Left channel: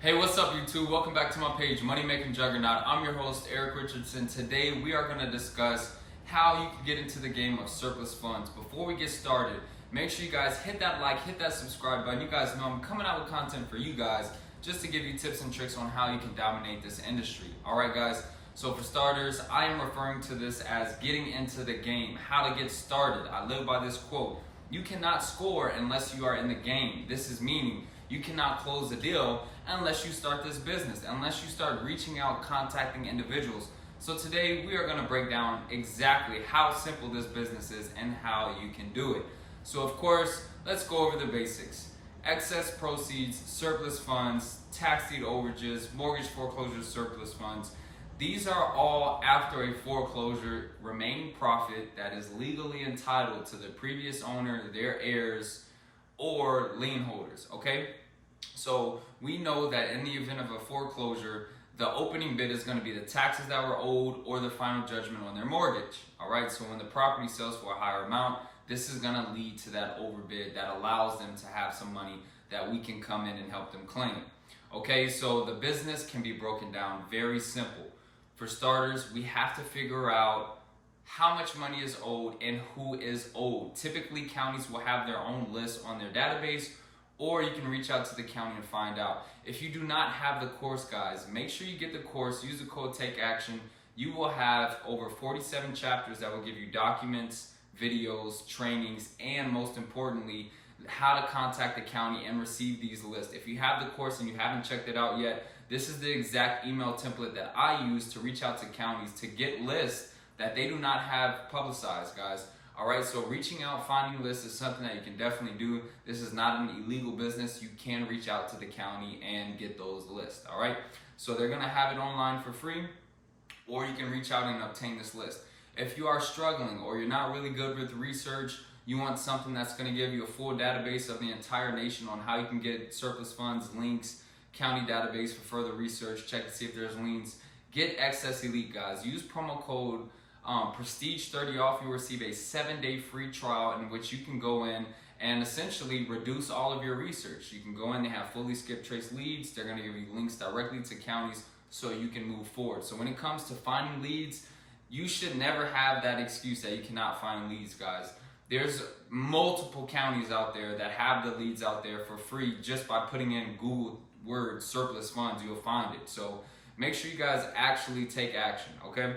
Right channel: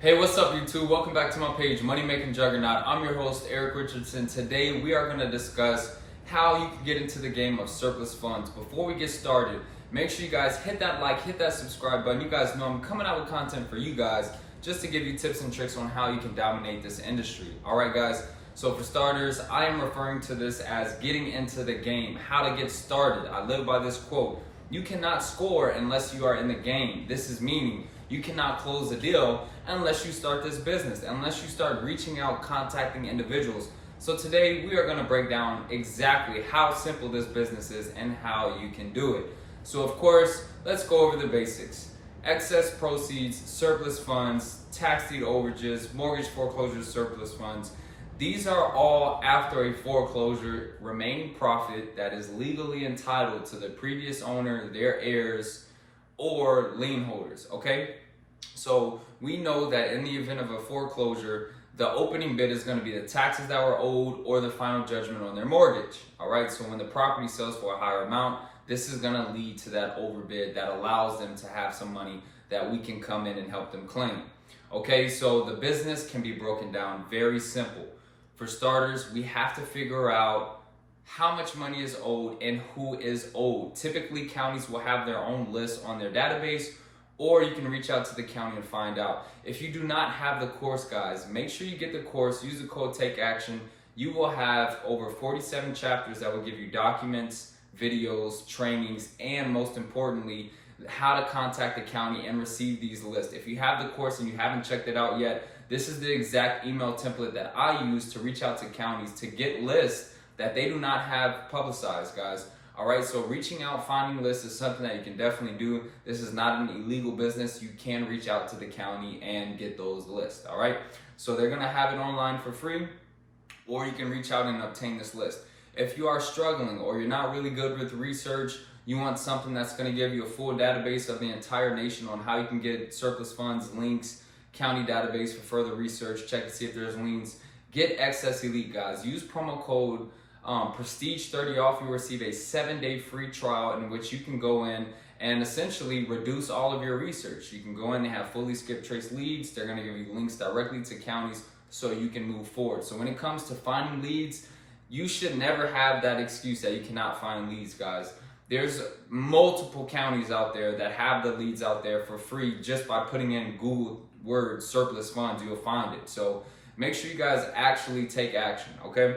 Hey, what's up YouTube? Welcome back to my page, Money Making Juggernaut. I'm your host, Eric Richardson. Today we are going to discuss how you can get into the game of surplus funds. Before we get started, make sure you guys hit that like, hit that subscribe button. You guys know I'm coming out with content for you guys just to give you tips and tricks on how you can dominate this industry. Alright guys, so for starters, I am referring to this as getting into the game, how to get started. I live by this quote: you cannot score unless you are in the game. This is meaning you cannot close a deal unless you start this business, unless you start reaching out, contacting individuals. So today we are going to break down exactly how simple this business is and how you can do it. So of course, let's go over the basics. Excess proceeds, surplus funds, tax deed overages, mortgage foreclosure surplus funds. These are all after a foreclosure remaining profit that is legally entitled to the previous owner, their heirs, or lien holders, okay? So we know that in the event of a foreclosure, the opening bid is going to be the taxes that were owed or the final judgment on their mortgage, all right? So when the property sells for a higher amount, this is going to lead to that overbid that allows them to have some money that we can come in and help them claim. Okay, so the business can be broken down very simple. For starters, we have to figure out how much money is owed and who is owed. Typically, counties will have their own list on their database, or you can reach out to the county and find out. If you do not have the course, guys, make sure you get the course. Use the code Take Action. You will have over 47 chapters that will give you documents, videos, trainings, and most importantly, how to contact the county and receive these lists. If you have the course and you haven't checked it out yet, this is the exact email template that I use to reach out to counties to get lists that they do not have publicized, guys. All right, so reaching out, finding lists is something that you can definitely do. This is not an illegal business. You can reach out to the county and get those lists, all right? So they're gonna have it online for free, or you can reach out and obtain this list. If you are struggling or you're not really good with research, you want something that's gonna give you a full database of the entire nation on how you can get surplus funds, links, county database for further research, check to see if there's liens, get Excess Elite, guys. Use promo code Prestige 30 off. You'll receive a 7-day free trial in which you can go in and essentially reduce all of your research. You can go in, they have fully skip trace leads. They're going to give you links directly to counties so you can move forward. So when it comes to finding leads, you should never have that excuse that you cannot find leads, guys. There's multiple counties out there that have the leads out there for free. Just by putting in Google word surplus funds, you'll find it. So make sure you guys actually take action, okay?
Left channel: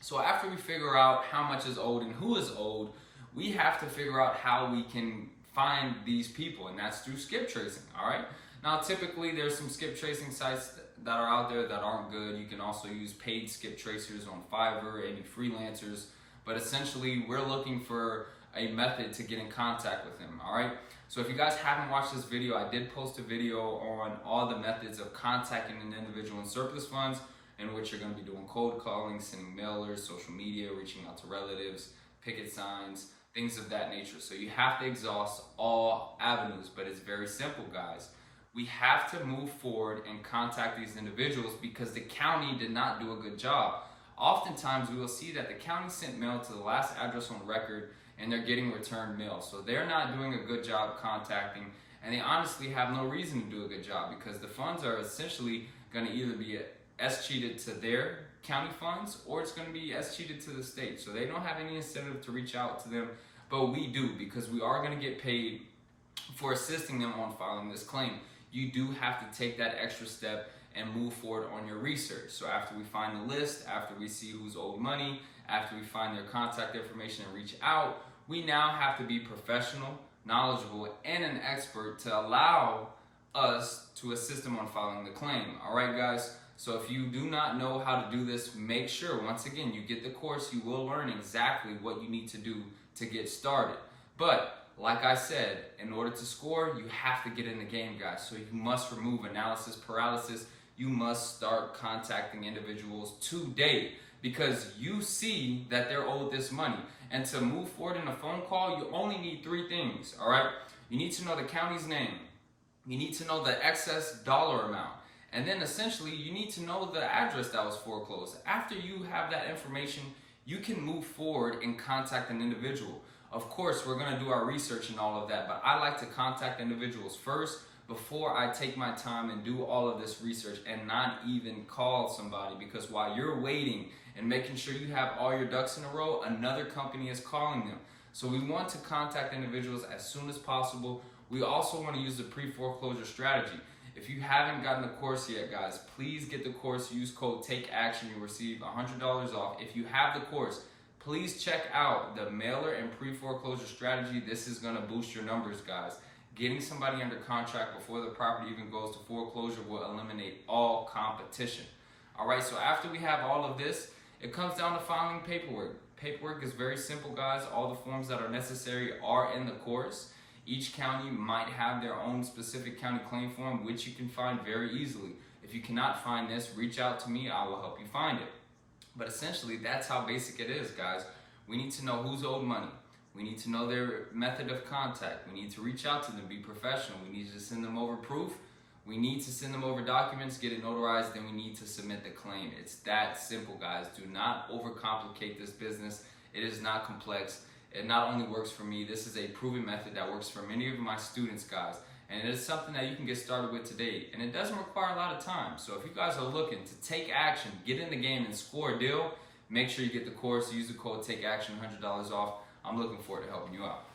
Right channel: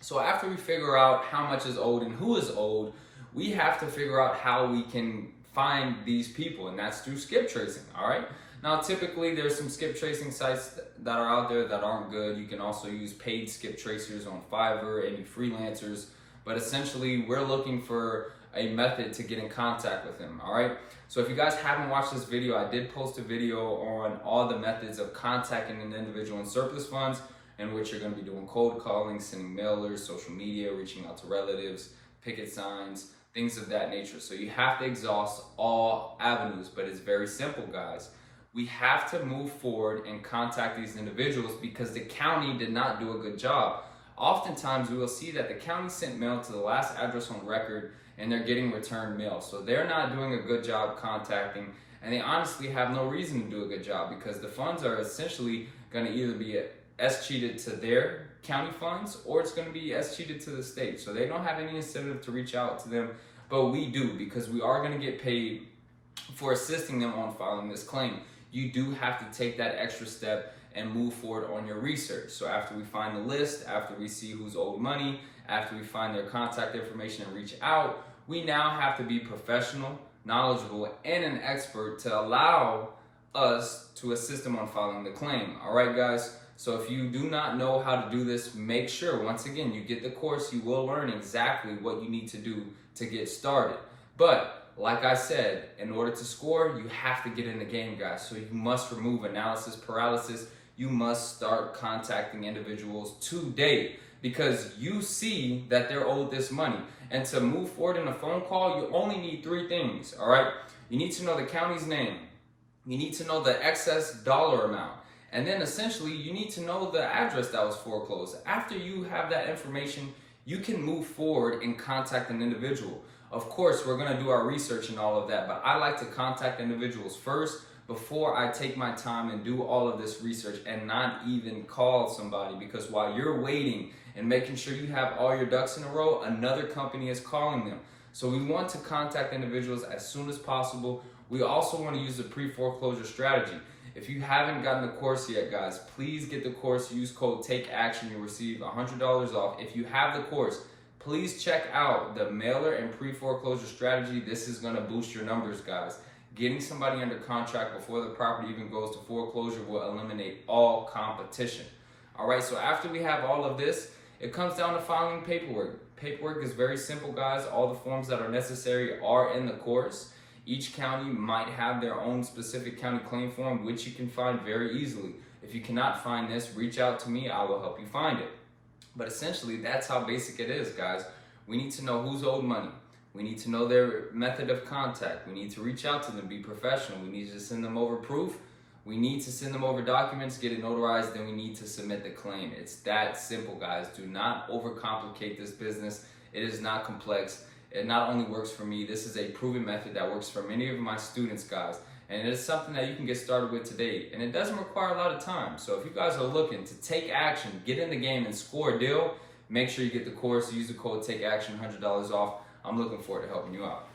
So after we figure out how much is owed and who is owed, we have to figure out how we can find these people, and that's through skip tracing, all right? Now, typically, there's some skip tracing sites that are out there that aren't good. You can also use paid skip tracers on Fiverr, any freelancers, but essentially, we're looking for a method to get in contact with them, all right? So if you guys haven't watched this video, I did post a video on all the methods of contacting an individual in surplus funds, in which you're going to be doing cold calling, sending mailers, social media, reaching out to relatives, picket signs, things of that nature. So you have to exhaust all avenues, but it's very simple, guys. We have to move forward and contact these individuals because the county did not do a good job. Oftentimes, we will see that the county sent mail to the last address on record and they're getting returned mail. So they're not doing a good job contacting, and they honestly have no reason to do a good job because the funds are essentially going to either be cheated to their county funds, or it's going to be cheated to the state. So they don't have any incentive to reach out to them, but we do, because we are going to get paid for assisting them on filing this claim. You do have to take that extra step and move forward on your research. So after we find the list, after we see who's owed money, after we find their contact information and reach out, we now have to be professional, knowledgeable, and an expert to allow us to assist them on filing the claim. All right, guys? So if you do not know how to do this, make sure, once again, you get the course. You will learn exactly what you need to do to get started. But like I said, in order to score, you have to get in the game, guys. So you must remove analysis paralysis. You must start contacting individuals today because you see that they're owed this money. And to move forward in a phone call, you only need 3 things, all right? You need to know the county's name. You need to know the excess dollar amount. And then essentially, you need to know the address that was foreclosed. After you have that information, you can move forward and contact an individual. Of course, we're gonna do our research and all of that, but I like to contact individuals first before I take my time and do all of this research and not even call somebody, because while you're waiting and making sure you have all your ducks in a row, another company is calling them. So we want to contact individuals as soon as possible. We also want to use the pre-foreclosure strategy. If you haven't gotten the course yet, guys, please get the course. Use code TAKEACTION. You'll receive $100 off. If you have the course, please check out the mailer and pre-foreclosure strategy. This is going to boost your numbers, guys. Getting somebody under contract before the property even goes to foreclosure will eliminate all competition. All right, so after we have all of this, it comes down to filing paperwork. Paperwork is very simple, guys. All the forms that are necessary are in the course. Each county might have their own specific county claim form, which you can find very easily. If you cannot find this, reach out to me. I will help you find it. But essentially, that's how basic it is, guys. We need to know who's owed money. We need to know their method of contact. We need to reach out to them, be professional. We need to send them over proof. We need to send them over documents, get it notarized, then we need to submit the claim. It's that simple, guys. Do not overcomplicate this business. It is not complex. It not only works for me, this is a proven method that works for many of my students, guys. And it is something that you can get started with today. And it doesn't require a lot of time. So if you guys are looking to take action, get in the game and score a deal, make sure you get the course. Use the code TAKEACTION, $100 off. I'm looking forward to helping you out.